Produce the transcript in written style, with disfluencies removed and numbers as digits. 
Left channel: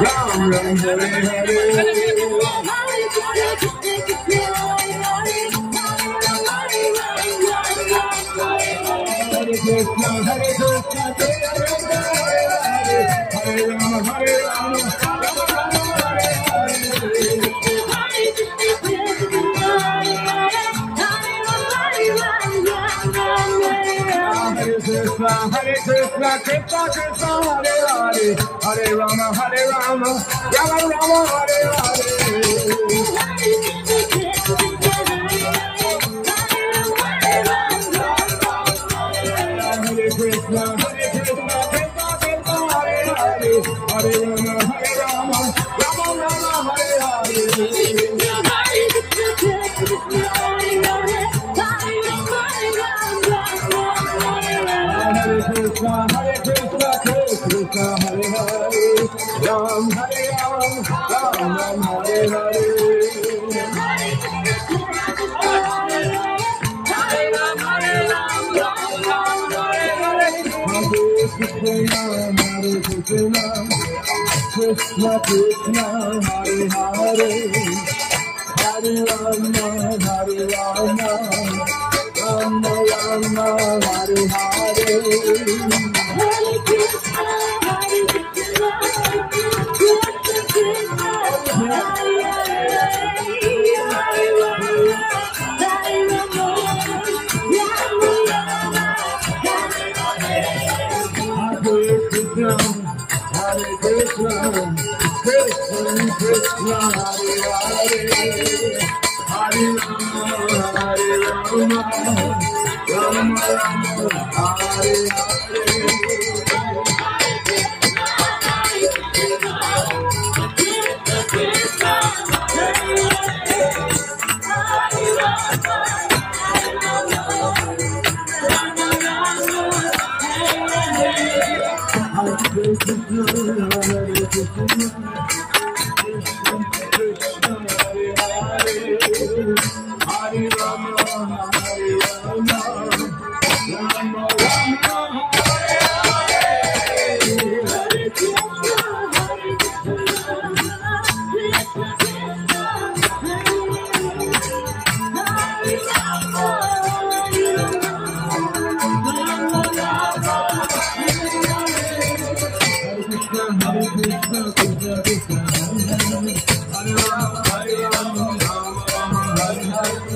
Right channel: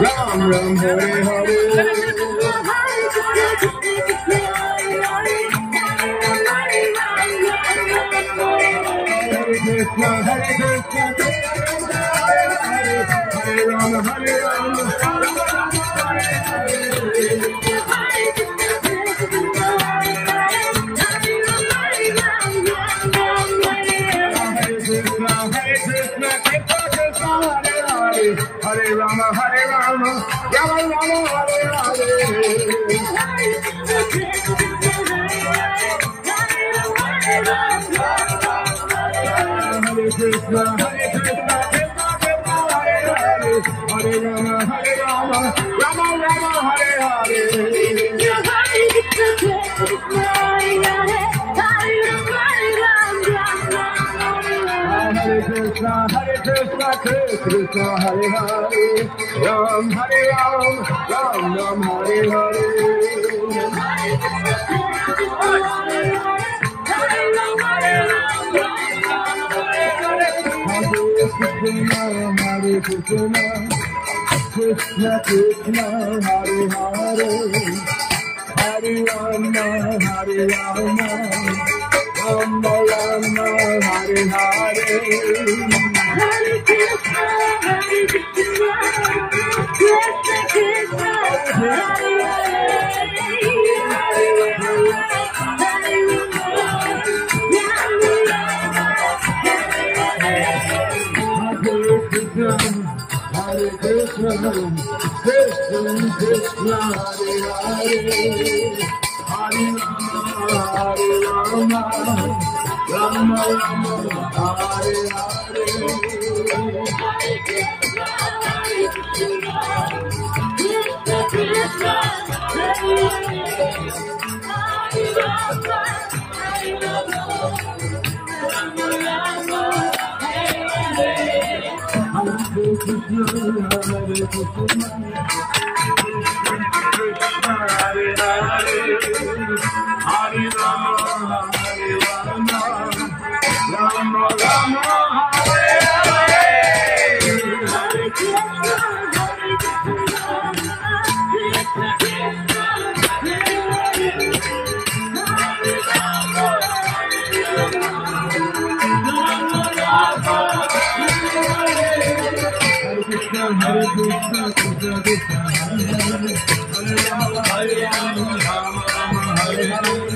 Ram, Hare Hare. Krishna, Hare Krishna, Hare Rama, Hare Rama, Rama Rama, Hare Hare. Hare Krishna, Krishna Krishna, Hare Hare, Hare Rama, Rama Rama, Hare Hare. Krishna, Krishna, Hare Hare, Hare Rama, Rama Rama, Hare Hare. Krishna, Krishna, Hare Hare, Ram Hare Ram, Ram Ram, Hare Hare. Hare Krishna, Krishna Krishna, Hare Hare, Hare Rama, Hare Rama, Rama Rama, Hare Hare. Hare Krishna, Krishna Krishna, Hare Krishna, Krishna Krishna, Hare Hare, Hare Rama, Hare Rama, Rama Rama, Hare Hare. Hare Rama, Hare Rama, Rama Rama, Hare Hare. Hare Krishna, Hare Krishna, Krishna Krishna, Hare Rama, Hare Rama, Rama Rama, Hare Hare.